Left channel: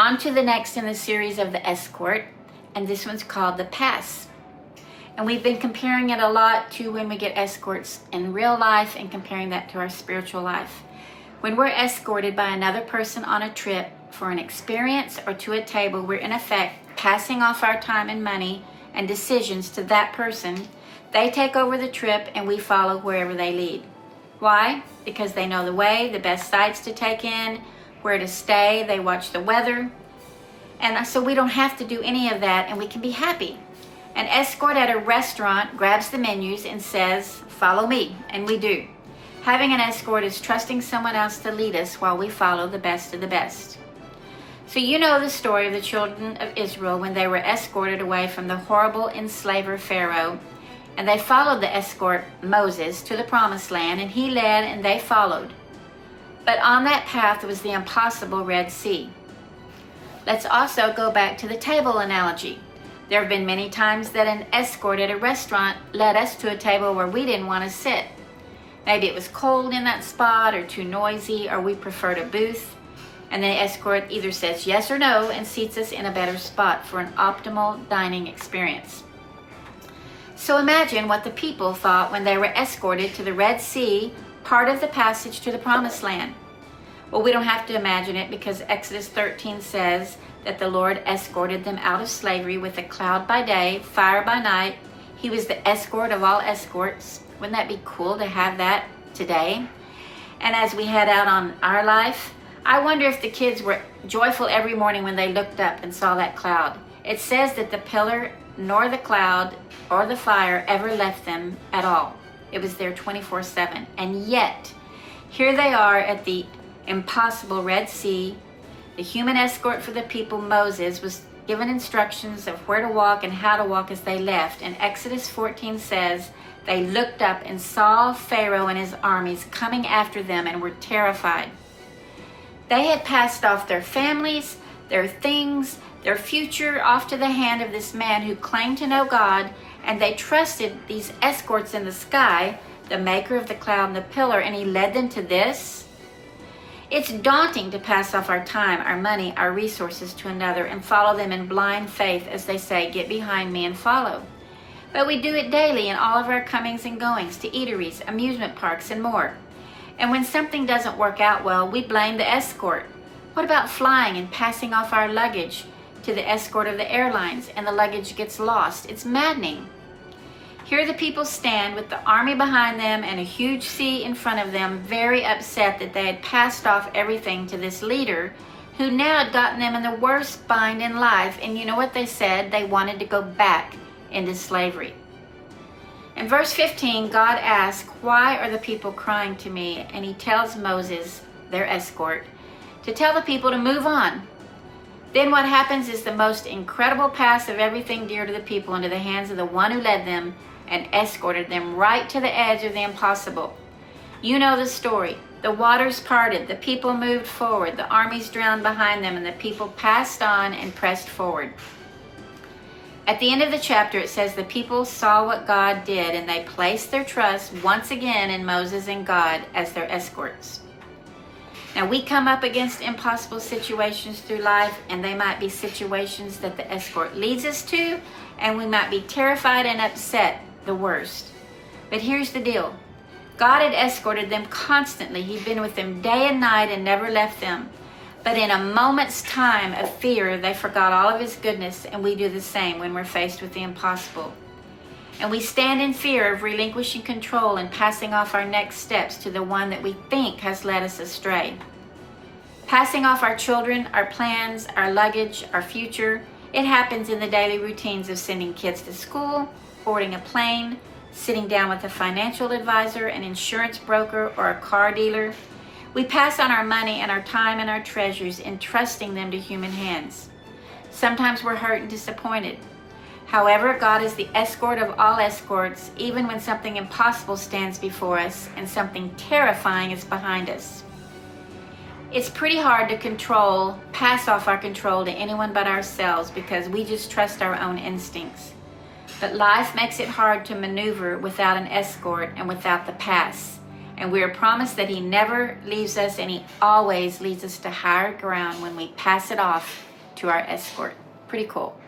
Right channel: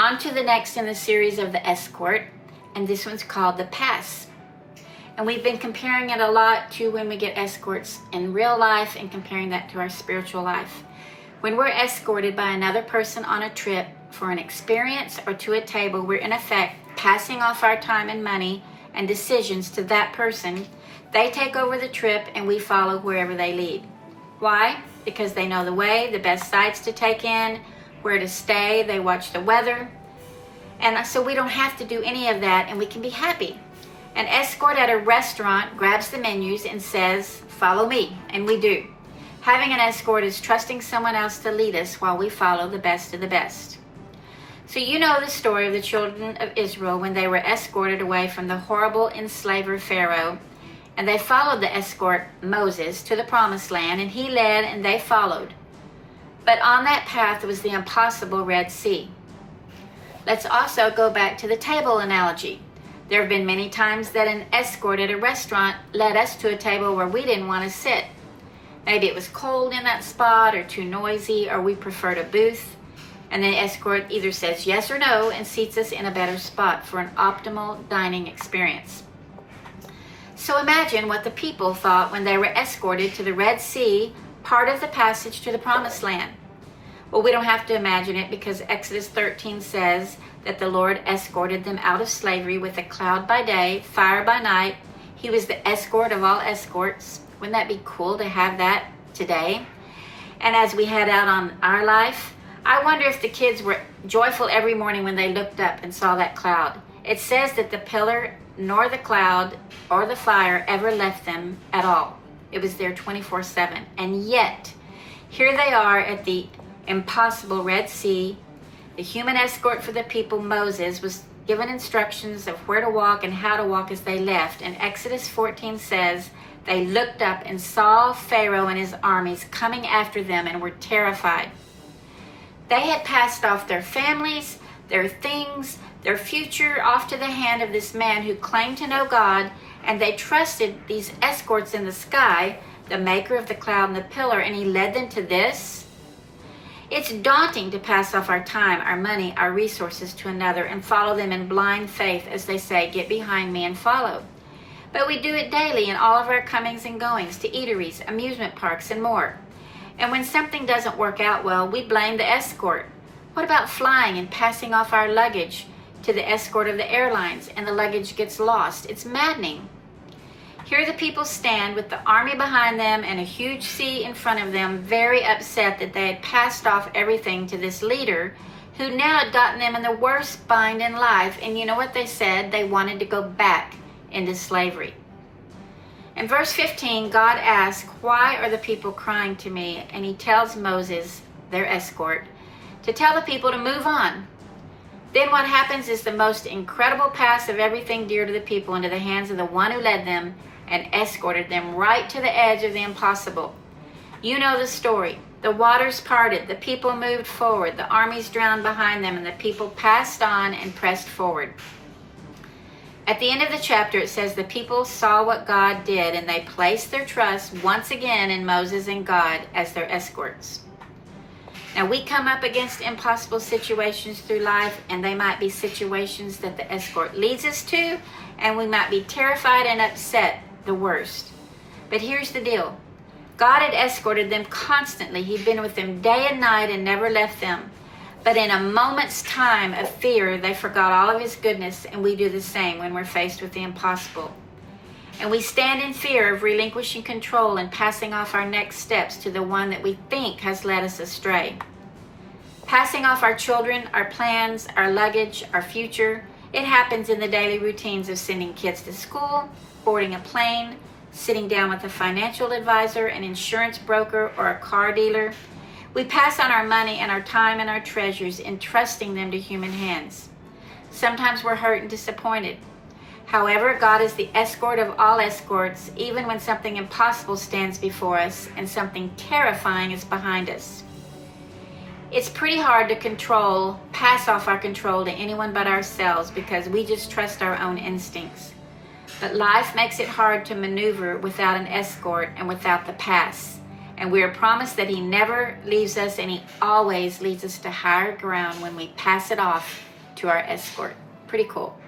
On to the next in the series of the Escort, and this one's called the Pass. And we've been comparing it a lot to when we get escorts in real life and comparing that to our spiritual life. When we're escorted by another person on a trip for an experience or to a table, we're in effect passing off our time and money and decisions to that person. They take over the trip and we follow wherever they lead. Why? Because they know the way, the best sites to take in, where to stay, they watch the weather. And so we don't have to do any of that and we can be happy. An escort at a restaurant grabs the menus and says, "Follow me," and we do. Having an escort is trusting someone else to lead us while we follow the best of the best. So you know the story of the children of Israel when they were escorted away from the horrible enslaver Pharaoh, and they followed the escort Moses to the promised land, and he led and they followed. But on that path was the impossible Red Sea. Let's also go back to the table analogy. There have been many times that an escort at a restaurant led us to a table where we didn't want to sit. Maybe it was cold in that spot or too noisy, or we preferred a booth. And the escort either says yes or no and seats us in a better spot for an optimal dining experience. So imagine what the people thought when they were escorted to the Red Sea, part of the passage to the Promised Land. Well, we don't have to imagine it because Exodus 13 says that the Lord escorted them out of slavery with a cloud by day, fire by night. He was the escort of all escorts. Wouldn't that be cool to have that today? And as we head out on our life, I wonder if the kids were joyful every morning when they looked up and saw that cloud. It says that the pillar nor the cloud or the fire ever left them at all. It was there 24/7. And yet, here they are at the impossible Red Sea. The human escort for the people, Moses, was given instructions of where to walk and how to walk as they left. And Exodus 14 says, they looked up and saw Pharaoh and his armies coming after them and were terrified. They had passed off their families, their things, their future off to the hand of this man who claimed to know God, and they trusted these escorts in the sky, the maker of the cloud and the pillar, and he led them to this. It's daunting to pass off our time, our money, our resources to another and follow them in blind faith as they say, "Get behind me and follow." But we do it daily in all of our comings and goings to eateries, amusement parks, and more. And when something doesn't work out well, we blame the escort. What about flying and passing off our luggage to the escort of the airlines and the luggage gets lost? It's maddening. Here the people stand with the army behind them and a huge sea in front of them, very upset that they had passed off everything to this leader who now had gotten them in the worst bind in life. And you know what they said? They wanted to go back into slavery. In verse 15, God asks, "Why are the people crying to me?" And he tells Moses, their escort, to tell the people to move on. Then what happens is the most incredible pass of everything dear to the people into the hands of the one who led them and escorted them right to the edge of the impossible. You know the story. The waters parted, the people moved forward, the armies drowned behind them, and the people passed on and pressed forward. At the end of the chapter, it says the people saw what God did, and they placed their trust once again in Moses and God as their escorts. Now, we come up against impossible situations through life, and they might be situations that the escort leads us to, and we might be terrified and upset, the worst. But here's the deal. God had escorted them constantly. He'd been with them day and night and never left them. But in a moment's time of fear, they forgot all of his goodness, and we do the same when we're faced with the impossible. And we stand in fear of relinquishing control and passing off our next steps to the one that we think has led us astray. Passing off our children, our plans, our luggage, our future, it happens in the daily routines of sending kids to school, boarding a plane, sitting down with a financial advisor, an insurance broker, or a car dealer. We pass on our money and our time and our treasures, entrusting them to human hands. Sometimes we're hurt and disappointed. However, God is the escort of all escorts, even when something impossible stands before us and something terrifying is behind us. It's pretty hard to pass off our control to anyone but ourselves because we just trust our own instincts. But life makes it hard to maneuver without an escort and without the pass. And we are promised that he never leaves us, and he always leads us to higher ground when we pass it off to our Escort. Pretty cool.